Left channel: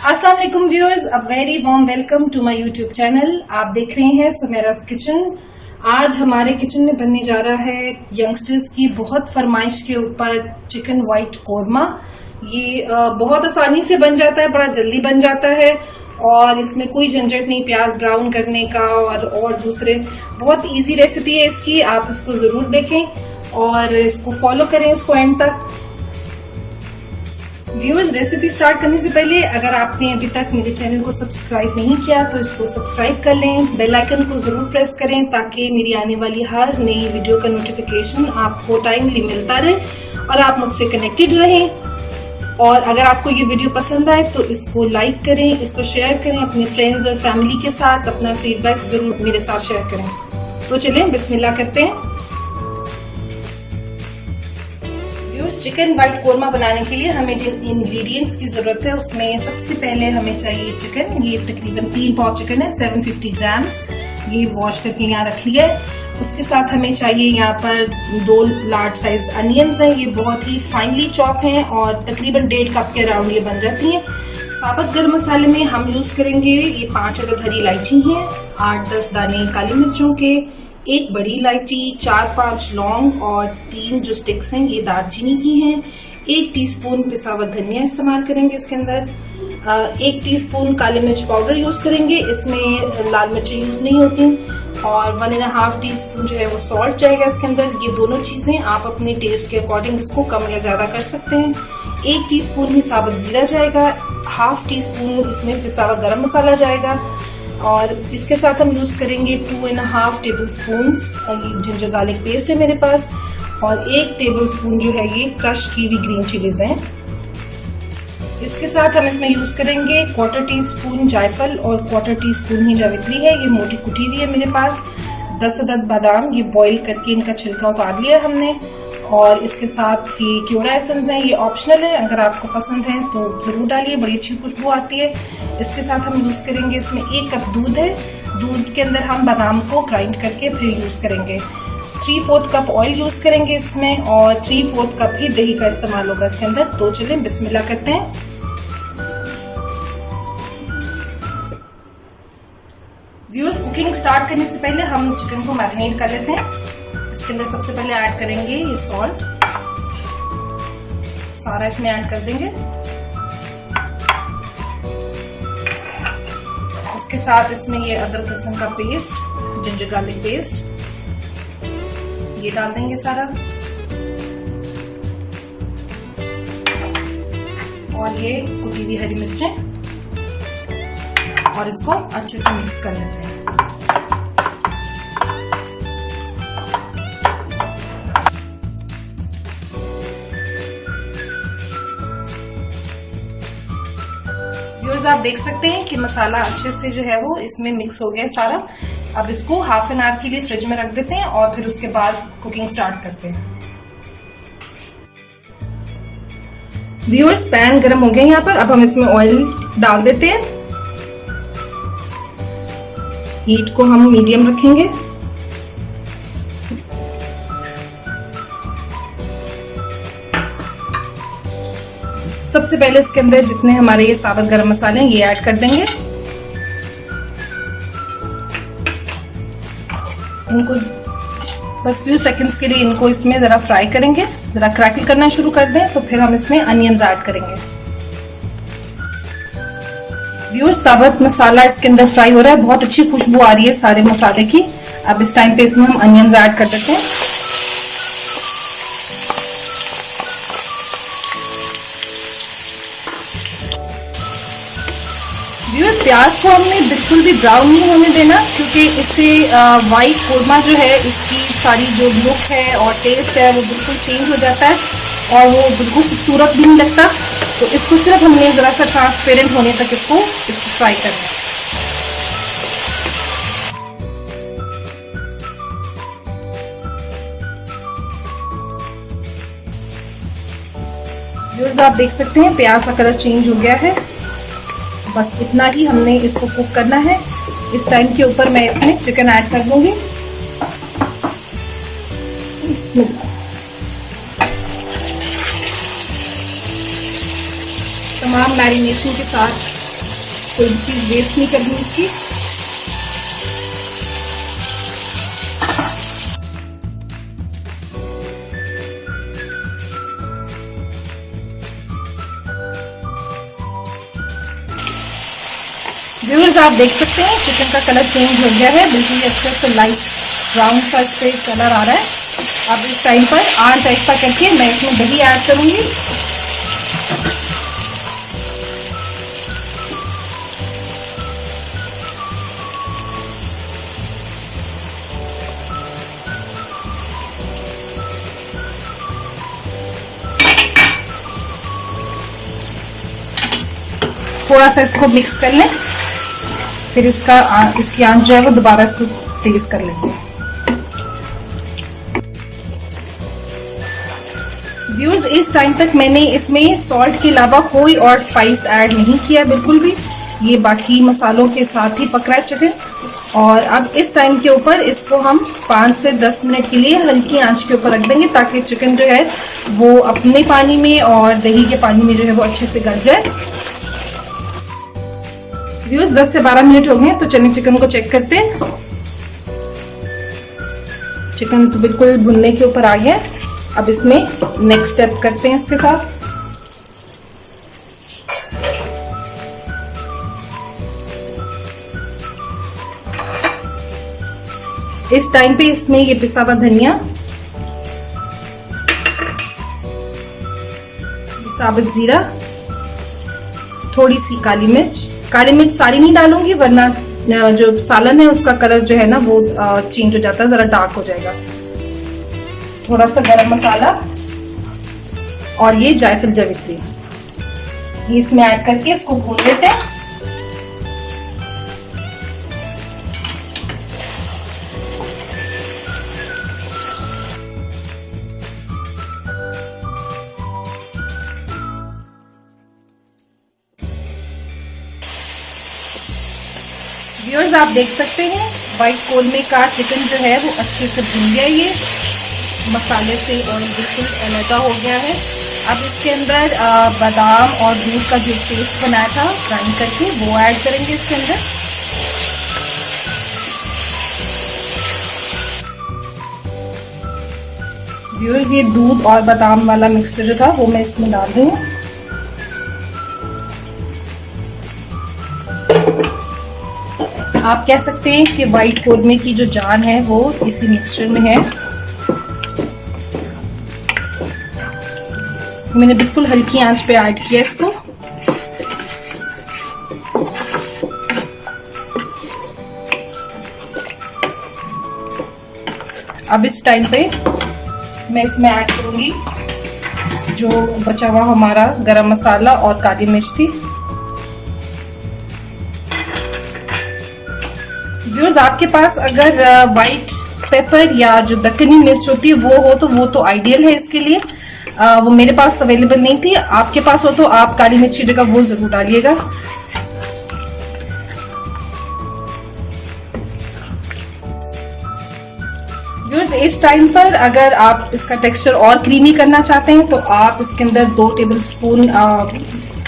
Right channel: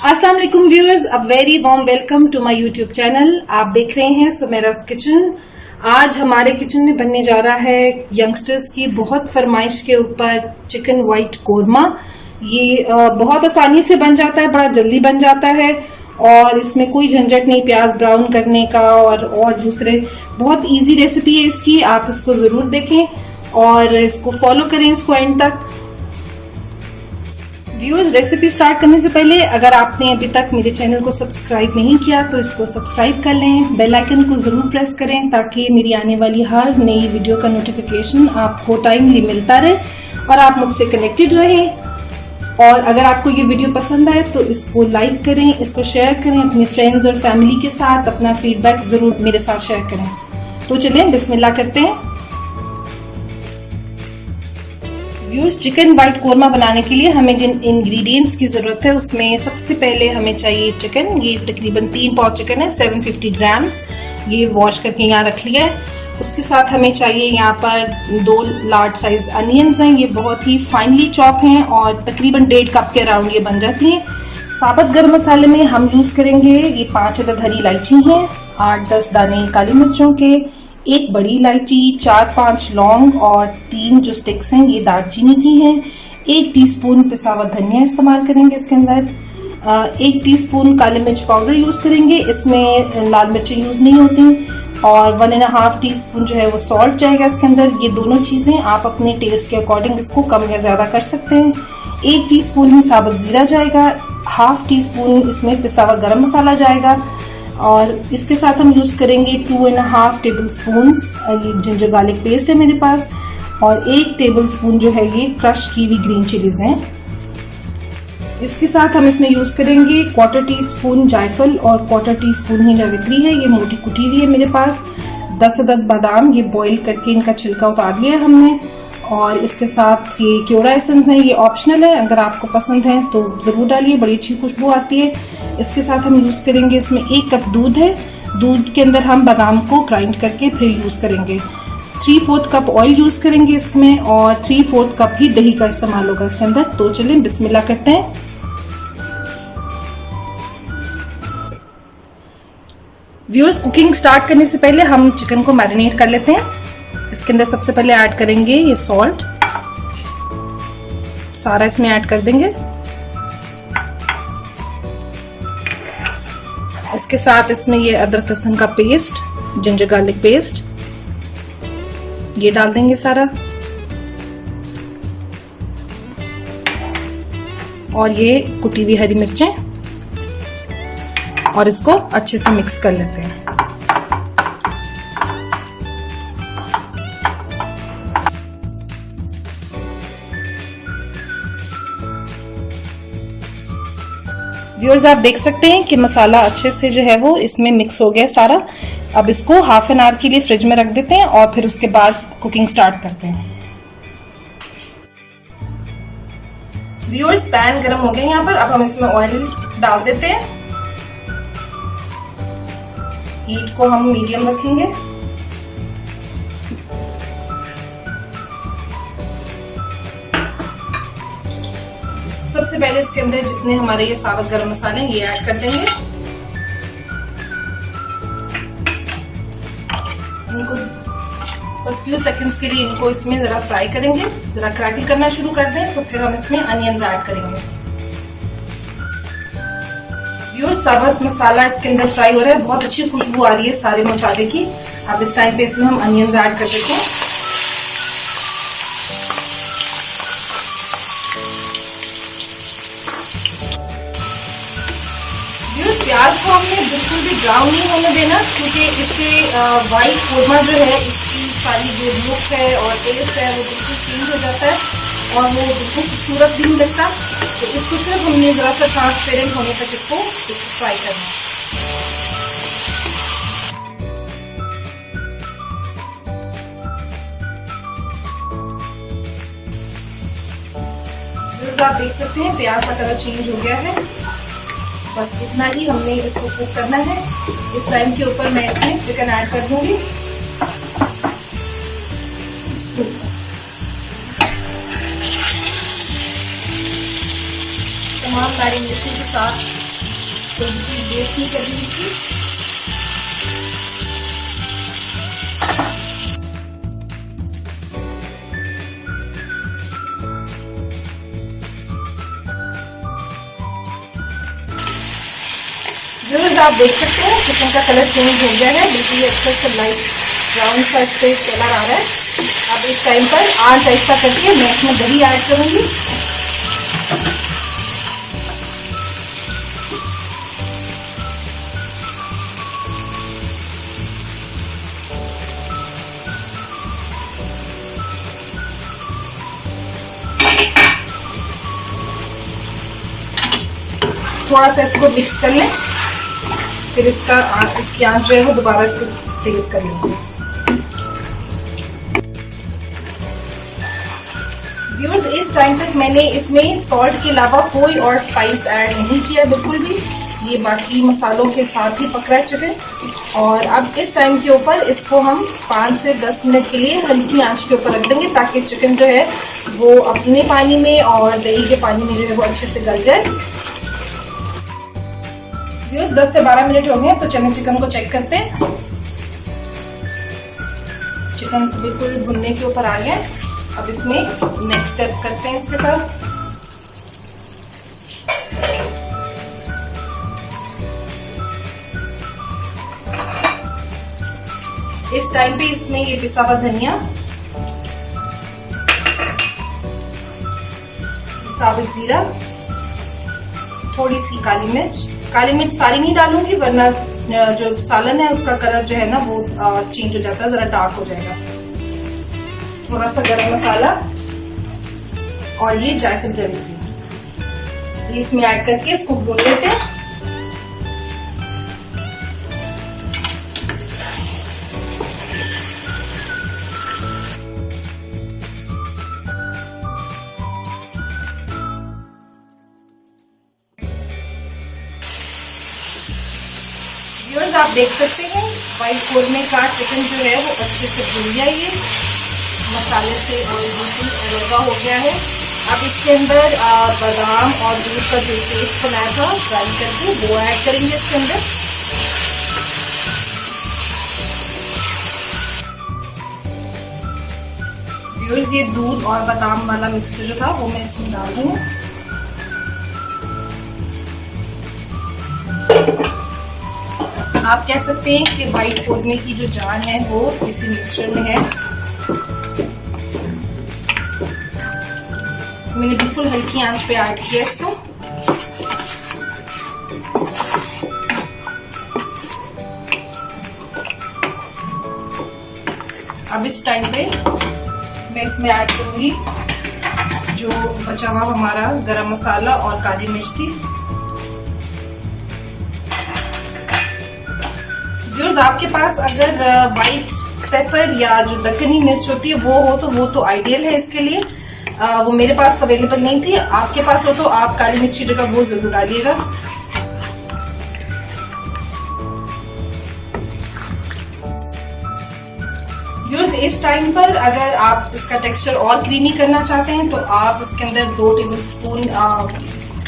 अस्सलाम वालेकुम viewers, a very warm welcome to my YouTube channel. आप देख रहे हैं सुमेरास किचन। आज हमारे किचन में बनने जा रहा है यंगस्टर्स की बहुत फरमाइश के ऊपर चिकन वाइट कोरमा। ये बहुत आसानी से बन जाता है, बड़ा जल्दी बन जाता है और इसमें कोई झंझट नहीं प्याज ब्राउन करने का और दूसरे बहुत इजी रेसिपी है इसकी। आप इसको ज़रूर देखें और इसको फॉलो करें इसको एंड तक। व्यूअर्स, रेसिपी स्टार्ट करने से पहले अगर आपने अभी तक मेरे चैनल को सब्सक्राइब नहीं किया तो इसको सब्सक्राइब कर लें, बेल आइकन को ज़रूर प्रेस करें ताकि मेरी आने वाली हर नई वीडियो का नोटिफिकेशन आपको टाइमली मिलता रहे और आप मुझसे कनेक्टेड रहें। और अगर आपको ये वीडियो पसंद आए तो इसको लाइक करें, इसको शेयर करें अपने फ्रेंड्स और फैमिली के साथ। अपना फीडबैक ज़रूर मेरे साथ शेयर करें। तो चलें बिस्मिल्लाह करते हैं। व्यूअर्स, चिकन वाइट कोरमा बनाने के लिए हमें जिन इंग्रेडिएंट्स की ज़रूरत है उसमें सबसे पहले हमें चाहिए चिकन। ये तकरीबन 3 पाव चिकन है, 750 ग्राम्स। ये वॉश करके यहाँ रख लिया है। उसके साथ हमें चाहिए यहाँ पर 2 लार्ज साइज अनियंस हैं। ये बहुत ही फाइनली चॉप हैं और तकरीबन 1.5 कप के अराउंड ये बन जाती हैं। साबुत गर्म मसाले में हम यूज़ करेंगे ये 5 अदद हरी इलायची हैं, 8-10 दाने काली मिर्चों के, 1 बड़ी इलायची, 4-5 लौंग और 3 जो स्टिक्स हैं ये दालचीनी की हैं। 1 टीस्पून पिसा हुआ धनिया इस्तेमाल करेंगे इसके अंदर। 1 टीस्पून काली मिर्च पाउडर यूज़ करेंगे, इसमें लाल मिर्चें यूज़ नहीं होती। और 1.5 टीस्पून जो है वो सॉल्ट जाएगा इसके अंदर। ये दोनों चीज़ें आप अपने टेस्ट के अकॉर्डिंग इसको कम या ज़्यादा कर सकते हैं। 1 टीस्पून ही साबुत ज़ीरा जाएगा, 1/2 टीस्पून इसमें पिसा हुआ गरम मसाला जाएगा और इसके साथ हम यूज़ करेंगे 2.5 टेबल स्पून ये जिंजर गार्लिक पेस्ट है मेरे पास और 1 टेबल स्पून जो है ये क्रश की हुई ग्रीन चिलीज हैं। इसके साथ हम इसमें यूज़ करेंगे 1/4 टीस्पून जायफल और 1/4 टीस्पून ही जावित्री है, ये मोटी कुटी हुई है मेरे पास। 10 अदद बादाम, ये बॉईल करके इनका छिलका उतार लिया है हमने। और इसके साथ ये क्योड़ा एसेंस है, ये ऑप्शनल है, अगर आपको पसंद है तो ज़रूर डालिए, बड़ी अच्छी खुशबू आती है। इसके साथ हम यूज़ करेंगे इसमें 1 कप दूध है। दूध के अंदर हम बादाम को ग्राइंड करके फिर यूज़ करेंगे। 3/4 कप ऑयल यूज़ करेंगे इसमें और 3/4 कप ही दही का इस्तेमाल होगा इसके अंदर। तो चलिए बिस्मिल्लाह करते हैं। व्यूअर्स, कुकिंग स्टार्ट करने से पहले हम चिकन को मैरिनेट कर लेते हैं। इसके अंदर सबसे पहले ऐड करेंगे ये सॉल्ट, सारा इसमें ऐड कर देंगे। इसके साथ इसमें ये अदरक लहसुन का पेस्ट, जिंजर गार्लिक पेस्ट ये डाल देंगे सारा और ये कुटी हुई हरी मिर्चें और इसको अच्छे से मिक्स कर लेते हैं। व्यूअर्स, आप देख सकते हैं कि मसाला अच्छे से जो है वो इसमें मिक्स हो गया सारा। अब इसको हाफ एन आवर के लिए फ्रिज में रख देते हैं और फिर उसके बाद कुकिंग स्टार्ट करते हैं। व्यूअर्स, पैन गरम हो गया यहाँ पर। अब हम इसमें ऑयल डाल देते हैं। हीट को हम मीडियम रखेंगे। सबसे पहले इसके अंदर जितने हमारे ये साबुत गरम मसाले हैं ये ऐड कर देंगे। इनको बस फ्यू सेकंड्स के लिए इनको इसमें जरा फ्राई करेंगे, जरा क्रैकल करना शुरू कर दें तो फिर हम इसमें अनियंस ऐड करेंगे। व्यूअर्स, साबुत मसाला इसके अंदर फ्राई हो रहा है, बहुत अच्छी खुशबू आ रही है सारे मसाले की। अब इस टाइम पे इसमें हम अनियंस ऐड कर देते हैं। व्यूअर्स, प्याज को हमने बिल्कुल भी ब्राउन नहीं होने देना क्योंकि इससे वाइट कोरमा जो है इसकी सारी जो लुक है और टेस्ट है वो बिल्कुल चेंज हो जाता है और वो बिल्कुल खूबसूरत भी नहीं लगता। तो इसको सिर्फ हमने ज़रा सा ट्रांसपेरेंट होने तक इसको फ्राई करना है। व्यूअर्स, आप देख सकते हैं प्याज का कलर चेंज हो गया है। बस इतना ही हमने इसको कुक करना है। इस टाइम के ऊपर मैं इसमें चिकन ऐड कर दूंगी। तमाम मैरिनेशन के साथ कोई भी चीज़ वेस्ट नहीं करनी इसकी। व्यूअर्स, आप देख सकते हैं चिकन का कलर चेंज हो गया है, बिल्कुल अच्छा से लाइट ब्राउन सा इस पे कलर आ रहा है। अब इस टाइम पर आंच ऐसा करके मैं इसमें दही ऐड करूंगी। थोड़ा सा इसको मिक्स कर लें, फिर इसकी आंच जो है वो दोबारा इसको तेज कर लेंगे। व्यूअर्स, इस टाइम तक मैंने इसमें सॉल्ट के अलावा कोई और स्पाइस ऐड नहीं किया बिल्कुल भी। ये बाकी मसालों के साथ ही पक रहा है चिकन। और अब इस टाइम के ऊपर इसको हम 5 से 10 मिनट के लिए हल्की आंच के ऊपर रख देंगे, ताकि चिकन जो है वो अपने पानी में और दही के पानी में जो है वो अच्छे से गल जाए। व्यूअर्स, 10 से 12 मिनट हो गए, तो चलिए चिकन को चेक करते हैं। चिकन तो बिल्कुल भुनने के ऊपर आ गया। अब इसमें नेक्स्ट स्टेप करते हैं इसके साथ। इस टाइम पे इसमें ये पिसा हुआ धनिया, साबुत जीरा, थोड़ी सी काली मिर्च। काली मिर्च सारी नहीं डालूंगी, वरना जो सालन है उसका कलर जो है ना वो चेंज हो जाता है, जरा डार्क हो जाएगा। थोड़ा सा गरम मसाला और ये जायफल जावित्री, ये इसमें ऐड करके इसको भून लेते हैं। व्यूअर्स, आप देख सकते हैं व्हाइट कोरमे का चिकन जो है वो अच्छे से भून गया, ये मसाले से ऑयल बिल्कुल अलग हो गया है। अब इसके अंदर बादाम और दूध का जो पेस्ट बनाया था ग्राइंड करके वो ऐड करेंगे इसके अंदर। व्यूअर्स, ये दूध और बादाम वाला मिक्सचर जो था वो मैं इसमें डाल रही हूँ। आप कह सकते हैं कि व्हाइट कोरमे की जो जान है वो इसी मिक्सचर में है। मैंने बिल्कुल हल्की आंच पे ऐड किया इसको। अब इस टाइम पे मैं इसमें ऐड करूंगी जो बचा हुआ हमारा गरम मसाला और काली मिर्च थी। व्यूअर्स, आपके पास अगर व्हाइट पेपर या जो दक्कनी मिर्च होती है वो तो आइडियल है इसके लिए। वो मेरे पास अवेलेबल नहीं थी। आपके पास हो तो आप काली मिर्च की जगह वो जरूर डालिएगा। व्यूअर्स, इस टाइम पर अगर आप इसका टेक्सचर और क्रीमी करना चाहते हैं तो आप इसके अंदर 2 टेबल स्पून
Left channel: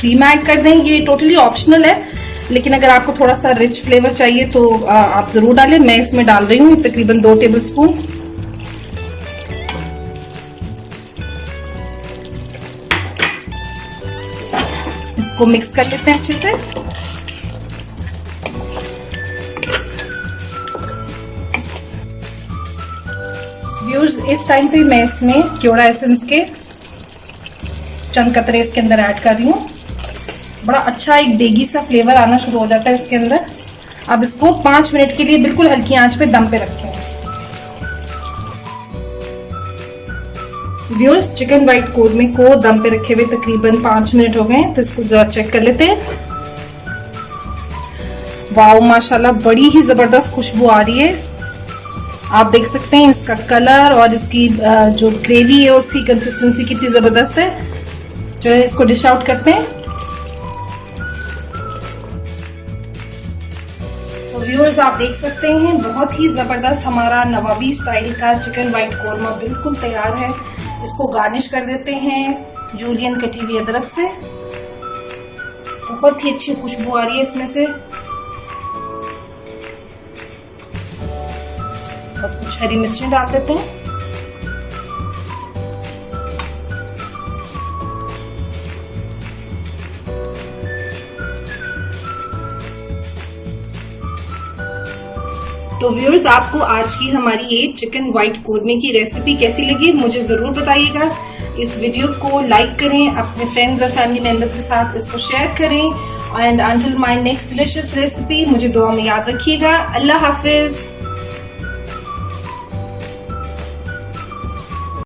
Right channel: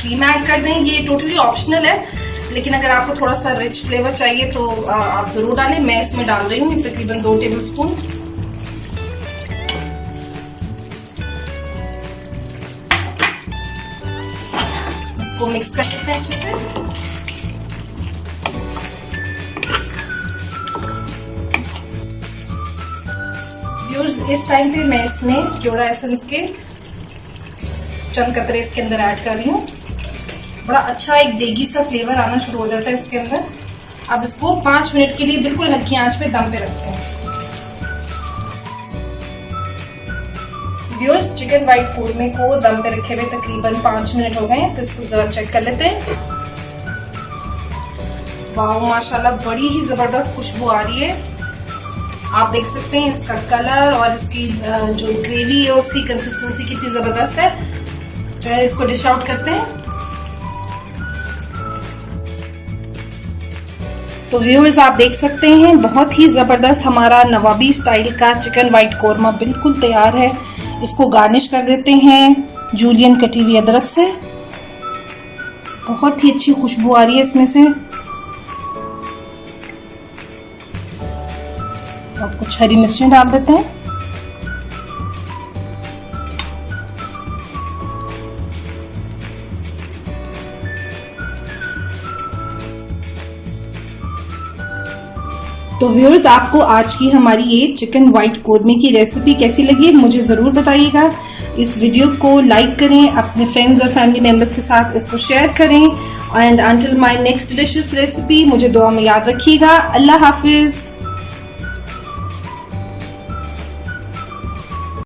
क्रीम ऐड कर दें। ये टोटली ऑप्शनल है, लेकिन अगर आपको थोड़ा सा रिच फ्लेवर चाहिए तो आप जरूर डालें। मैं इसमें डाल रही हूँ तकरीबन 2 टेबल स्पून। इसको मिक्स कर लेते हैं अच्छे से। व्यूअर्स, इस टाइम पे मैं इसमें क्योड़ा एसेंस के चंद कतरे इसके अंदर ऐड कर रही हूँ। बड़ा अच्छा एक देगी सा फ्लेवर आना शुरू हो जाता है इसके अंदर। अब इसको 5 मिनट के लिए बिल्कुल हल्की आंच पे दम पे रखते हैं। व्यूअर्स, चिकन व्हाइट कोरमे को दम पे रखे हुए तकरीबन 5 मिनट हो गए, तो इसको जरा चेक कर लेते हैं। वाओ, माशाल्लाह बड़ी ही जबरदस्त खुशबू आ रही है। आप देख सकते हैं इसका कलर और इसकी जो ग्रेवी है उसकी कंसिस्टेंसी कितनी जबरदस्त है। चलिए इसको डिश आउट करते हैं। तो व्यूअर्स, आप देख सकते हैं बहुत ही जबरदस्त हमारा नवाबी स्टाइल का चिकन व्हाइट कोरमा बिल्कुल तैयार है। इसको गार्निश कर देते हैं जूलियन कटी हुई अदरक से। बहुत ही अच्छी खुशबू आ रही है इसमें से। और कुछ हरी मिर्चें डाल देते हैं। तो व्यूअर्स, आपको आज की हमारी ये चिकन व्हाइट कोरमे की रेसिपी कैसी लगी मुझे ज़रूर बताइएगा। इस वीडियो को लाइक करें, अपने फ्रेंड्स और फैमिली मेंबर्स के साथ इसको शेयर करें। And until my next delicious recipe, मुझे दुआ में याद रखिएगा। अल्लाह हाफिज़।